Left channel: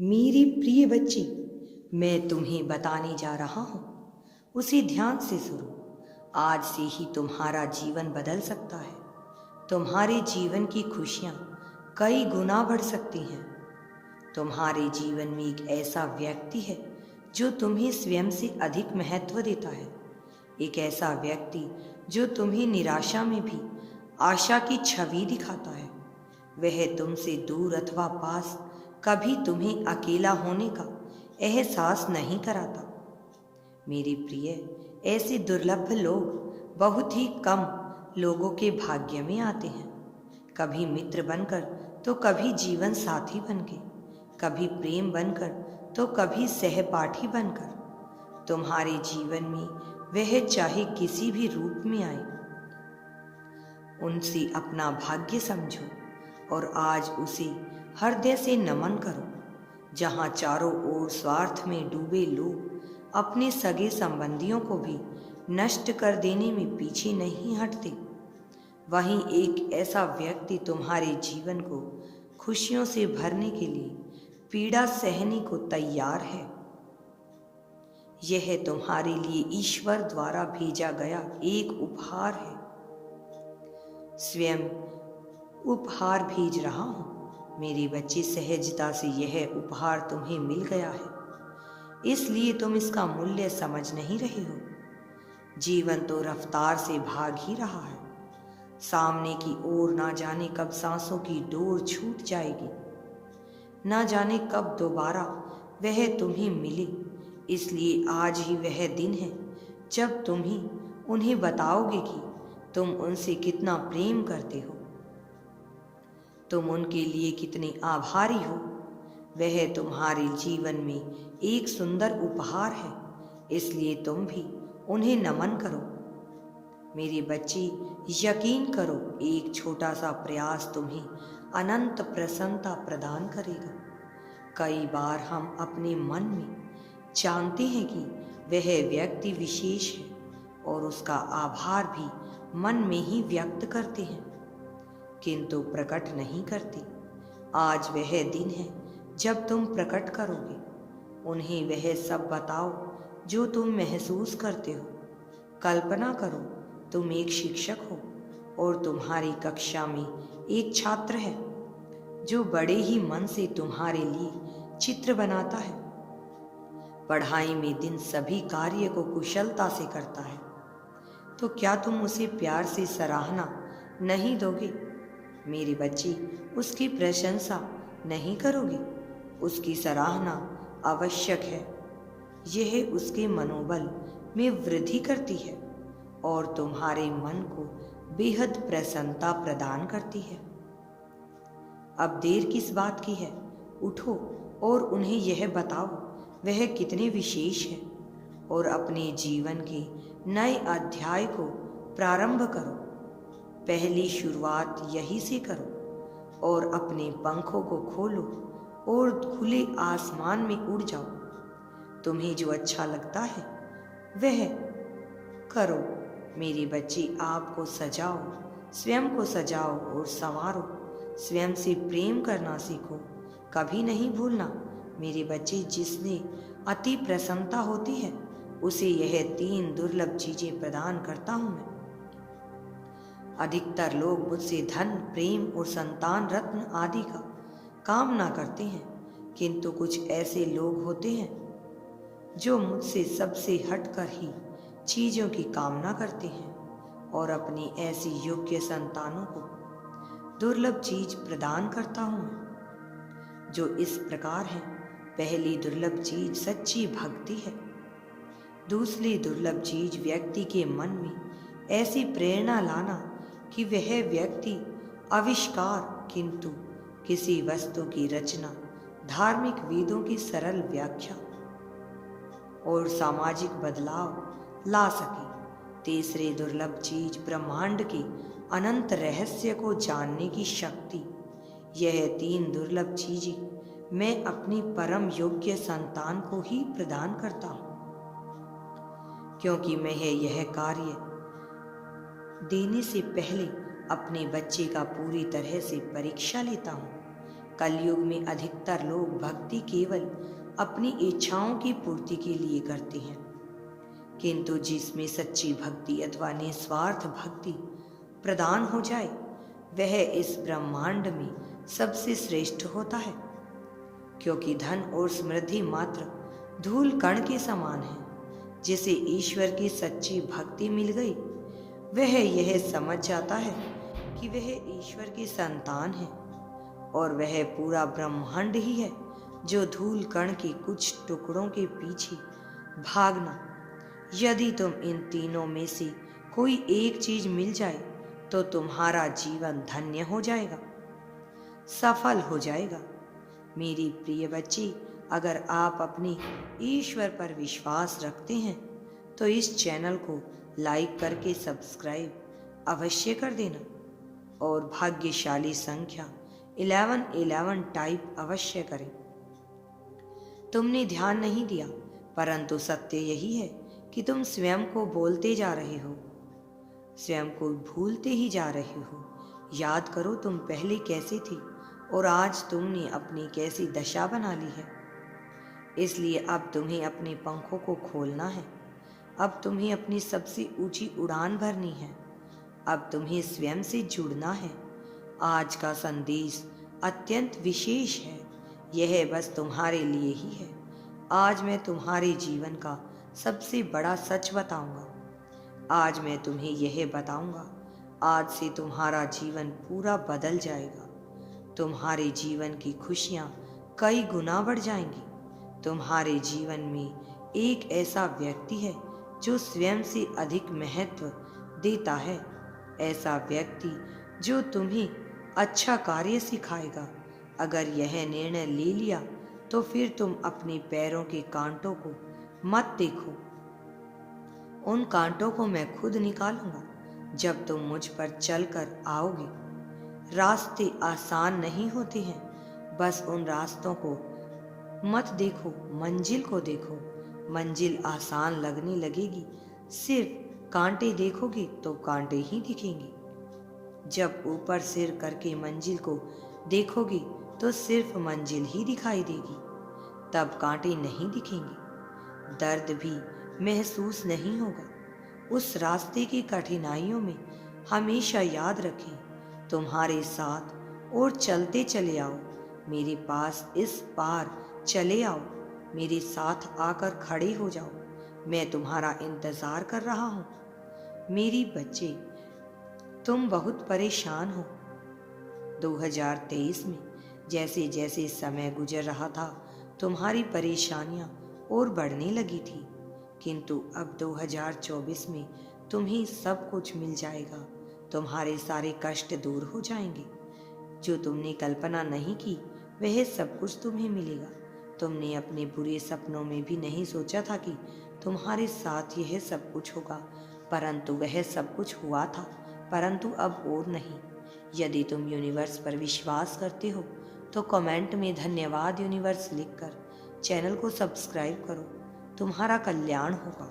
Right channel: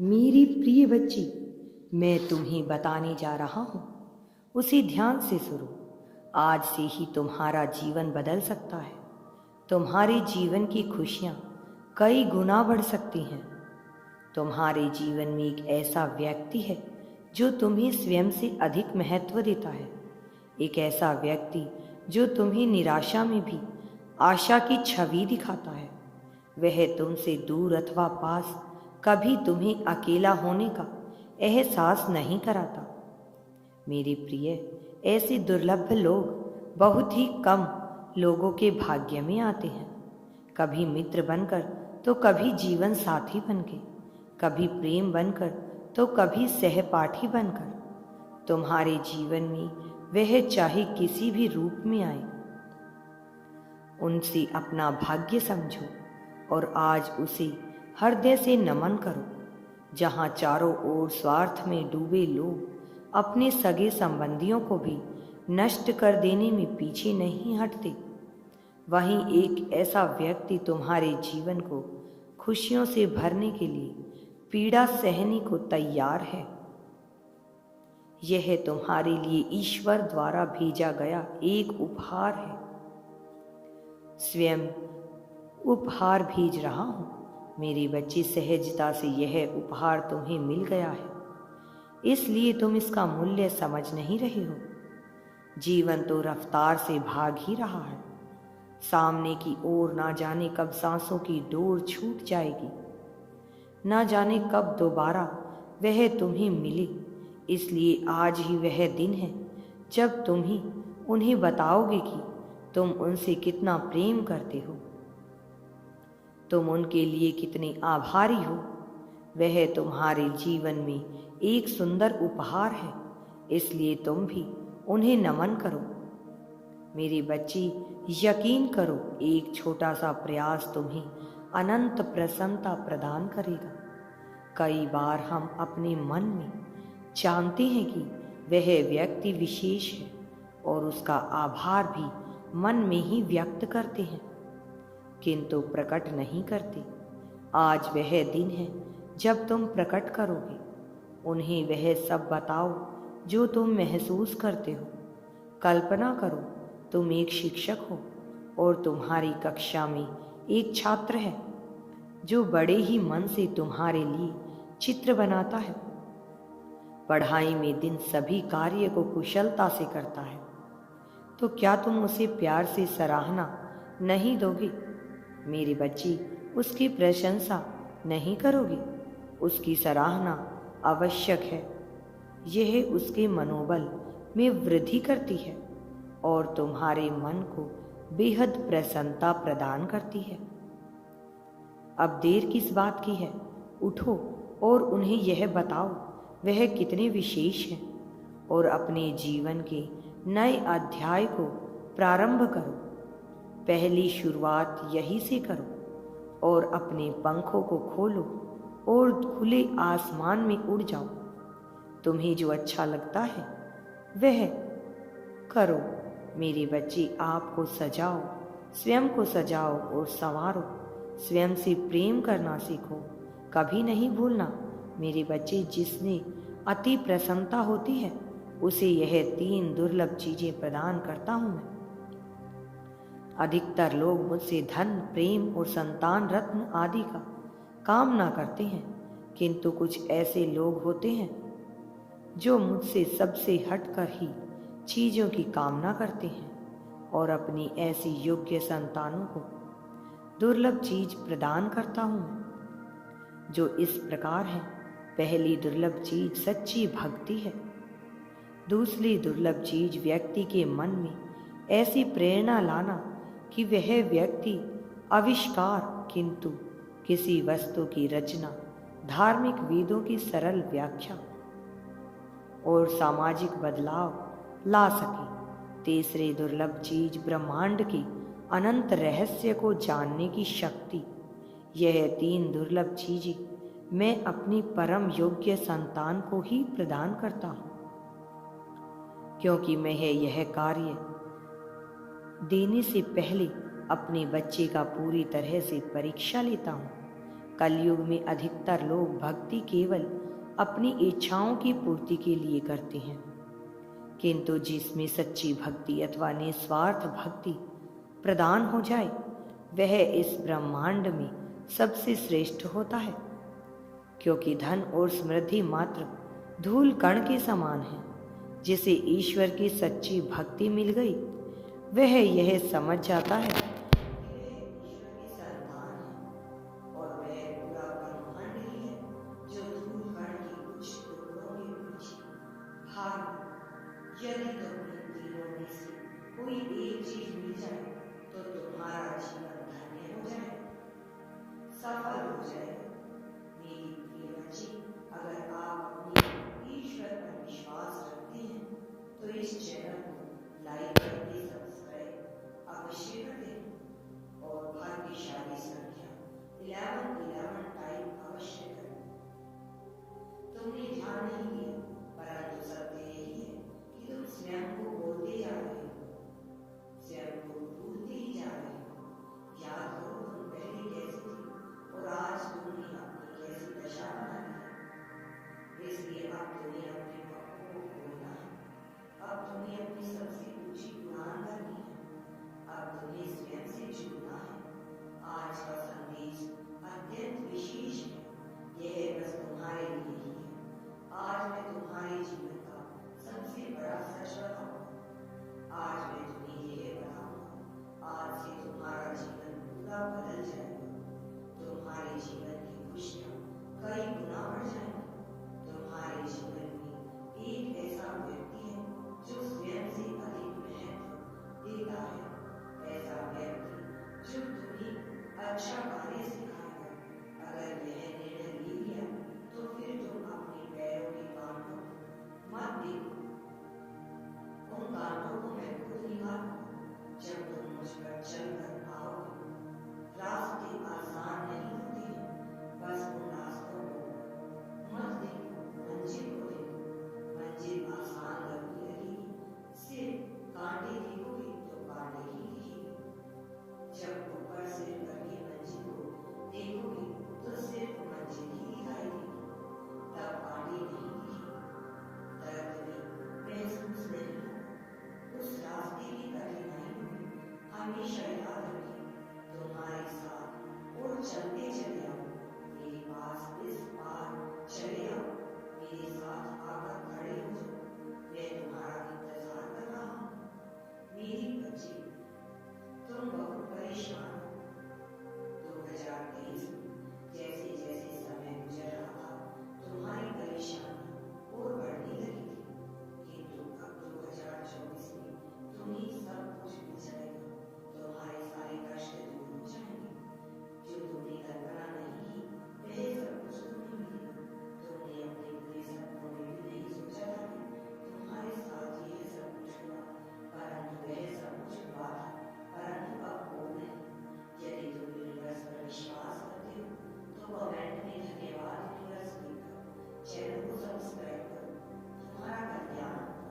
मेरी प्रिय बच्ची, मैं तुम्हें बताने जा रहा हूँ, उसे ध्यान से सुनो। आज से ही तुम्हारा जीवन बदल सकता है। तुम्हारे जीवन की खुशियाँ कई गुना बढ़ सकती हैं। तुम्हारे जीवन में एक ऐसा व्यक्ति है जो तुम्हें स्वयं से अधिक महत्व देता है। एक ऐसा व्यक्ति जो तुम्हें निराशा में भी आशा की छवि दिखाता है। वह तुमसे दूर अथवा पास कभी तुम्हें अकेला होने का एहसास नहीं कराता। मेरी प्रिय, ऐसे दुर्लभ लोग बहुत ही कम लोगों के भाग्य में आते हैं। कभी मित्र बनकर तो कभी जीवन साथी बनकर, कभी प्रेम बनकर तो कभी सहपाठी बनकर। तुम्हारे जीवन में वह चाहे किसी भी रूप में आए, उनसे अपना भाग्य समझो और आज उसे हृदय से नमन करो। जहाँ चारों ओर स्वार्थ में डूबे लोग अपने सगे संबंधियों को भी नष्ट कर देने में पीछे नहीं हटते, वहीं एक ऐसा व्यक्ति तुम्हारे जीवन को खुशियों से भरने के लिए पीड़ा सहने को तैयार है। यह तुम्हारे लिए ईश्वर द्वारा भेजा गया एक उपहार है। स्वयं उपहार भेज रहा हूँ। मेरी बच्ची, सहजता से यह उपहार तुम्हें मिल गया है, इसलिए तुम इसका मूल्य समझ नहीं रहे हो। जीवन तो रफ्तार से भाग ही रहा है। सामने की ओर ना जाने कब सांसों की डोर छूट जाएगी, ना जाने कब दोबारा वह तुम्हें मिले। इसलिए आज ही वह दिन है जब तुम ही उन्हें बताओगे कि तुम उनसे कितना प्रेम करते हो, तुम उनके लिए कितने आभारी हो। वह तुम्हारे जीवन में एक सुंदर उपहार है, इसलिए तुम भी उन्हें नमन करो। मेरी बच्ची, यकीन करो, एक छोटा सा प्रयास तुम्हें अनंत प्रसन्नता प्रदान करेगा। कई बार हम अपने मन में जानते हैं कि वह व्यक्ति विशेष है और उसका आभार भी मन में ही व्यक्त करते हैं, किंतु प्रकट नहीं करते। आज वह दिन है जब तुम प्रकट करोगे। उन्हें वह सब बताओ जो तुम महसूस करते हो। कल्पना करो, तुम एक शिक्षक हो और तुम्हारी कक्षा में एक छात्र है जो बड़े ही मन से तुम्हारे लिए चित्र बनाता है। पढ़ाई में दिन सभी कार्य को कुशलता से करता है, तो क्या तुम उसे प्यार से सराहना नहीं दोगे? मेरी बच्ची, उसकी प्रशंसा नहीं करोगे? उसकी सराहना आवश्यक है। यह उसके मनोबल में वृद्धि करती है और तुम्हारे मन को बेहद प्रसन्नता प्रदान करती है। अब देर किस बात की है? उठो और उन्हें यह बताओ वह कितने विशेष हैं और अपने जीवन के नए अध्याय को प्रारंभ करो। पहली शुरुआत यही से करो और अपने पंखों को खोलो और खुले आसमान में उड़ जाओ। तुम्हें जो अच्छा लगता है वह करो। मेरी बच्ची, आपको सजाओ, स्वयं को सजाओ और संवारो। स्वयं से प्रेम करना सीखो। कभी नहीं भूलना मेरी बच्ची, जिसने अति प्रसन्नता होती है उसे यह 3 दुर्लभ चीजें प्रदान करता हूं मैं। अधिकतर लोग मुझसे धन, प्रेम और संतान रत्न आदि का कामना करते हैं, किंतु कुछ ऐसे लोग होते हैं जो मुझसे सबसे हटकर ही चीजों की कामना करते हैं और अपनी ऐसी योग्य संतानों को दुर्लभ चीज प्रदान करता हूँ जो इस प्रकार है। पहली दुर्लभ चीज सच्ची भक्ति है। दूसरी दुर्लभ चीज व्यक्ति के मन में ऐसी प्रेरणा लाना कि वह व्यक्ति आविष्कार किंतु किसी वस्तु की रचना, धार्मिक वेदों की सरल व्याख्या और सामाजिक बदलाव ला सके। तीसरी दुर्लभ चीज ब्रह्मांड के अनंत रहस्य को जानने की शक्ति। यह 3 दुर्लभ चीजें मैं अपनी परम योग्य संतान को ही प्रदान करता हूँ, क्योंकि मैं यह कार्य देने से पहले अपने बच्चे का पूरी तरह से परीक्षा लेता हूँ कलयुग में अधिकतर लोग भक्ति केवल अपनी इच्छाओं की पूर्ति के लिए करते हैं, किंतु जिसमें सच्ची भक्ति अथवा निस्वार्थ भक्ति प्रदान हो जाए वह इस ब्रह्मांड में सबसे श्रेष्ठ होता है। क्योंकि धन और समृद्धि मात्र धूल कण के समान है। जिसे ईश्वर की सच्ची भक्ति मिल गई वह यह समझ जाता है कि वह ईश्वर की संतान है और वह पूरा ब्रह्मांड ही है जो धूल कण के कुछ टुकड़ों के पीछे भागना। यदि तुम इन तीनों में से कोई एक चीज मिल जाए तो तुम्हारा जीवन धन्य हो जाएगा, सफल हो जाएगा। मेरी प्रिय बच्ची, अगर आप अपने ईश्वर पर विश्वास रखते हैं तो इस चैनल को लाइक करके सब्सक्राइब अवश्य कर देना और भाग्यशाली संख्या 1111 टाइप अवश्य करें। तुमने ध्यान नहीं दिया, परंतु सत्य यही है कि तुम स्वयं को बोलते जा रहे हो, स्वयं को भूलते ही जा रहे हो। याद करो तुम पहले कैसे थे और आज तुमने अपनी कैसी दशा बना ली है। इसलिए अब तुम्हें अपने पंखों को खोलना है, अब तुम्हें अपनी सबसे ऊंची उड़ान भरनी है, अब तुम्हें स्वयं से जुड़ना है। आज का संदेश अत्यंत विशेष है, यह बस तुम्हारे लिए ही है। आज मैं तुम्हारे जीवन का सबसे बड़ा सच बताऊंगा। आज मैं तुम्हें यह बताऊंगा, आज से तुम्हारा जीवन पूरा बदल जाएगा। तुम्हारे जीवन की खुशियां कई गुना बढ़ जाएंगी। तुम्हारे जीवन में एक ऐसा व्यक्ति है जो स्वयं से अधिक महत्व देता है, ऐसा व्यक्ति जो तुम्हें अच्छा कार्य सिखाएगा। अगर यह निर्णय ले लिया तो फिर तुम अपने पैरों के कांटों को मत देखो, उन कांटों को मैं खुद निकालूंगा जब तुम मुझ पर चलकर आओगे। रास्ते आसान नहीं होते हैं, बस उन रास्तों को मत देखो, मंजिल को देखो। मंजिल आसान लगने लगेगी, सिर्फ कांटे देखोगे तो कांटे ही दिखेंगे। जब ऊपर सिर करके मंजिल को देखोगे तो सिर्फ मंजिल ही दिखाई देगी, तब कांटे नहीं दिखेंगे। दर्द भी महसूस नहीं होगा। उस रास्ते की कठिनाइयों में हमेशा याद रखें, तुम्हारे साथ और चलते चले आओ। मेरे पास इस पार चले आओ, मेरे साथ आकर खड़े हो जाओ। मैं तुम्हारा इंतजार कर रहा हूँ। मेरी बच्चे, तुम बहुत परेशान हो। 2023 में जैसे जैसे समय गुजर रहा था तुम्हारी परेशानियां और बढ़ने लगी थी, किंतु अब 2024 में तुम्हें सब कुछ मिल जाएगा। तुम्हारे सारे कष्ट दूर हो जाएंगे। जो तुमने कल्पना नहीं की वह सब कुछ तुम्हें मिलेगा। तुमने अपने बुरे सपनों में भी नहीं सोचा था कि तुम्हारे साथ यह सब कुछ होगा, परंतु वह सब कुछ हुआ था, परंतु अब और नहीं। यदि तुम यूनिवर्स पर विश्वास करते हो तो कमेंट में धन्यवाद यूनिवर्स लिखकर चैनल को सब्सक्राइब करो। तुम्हारा कल्याण होगा।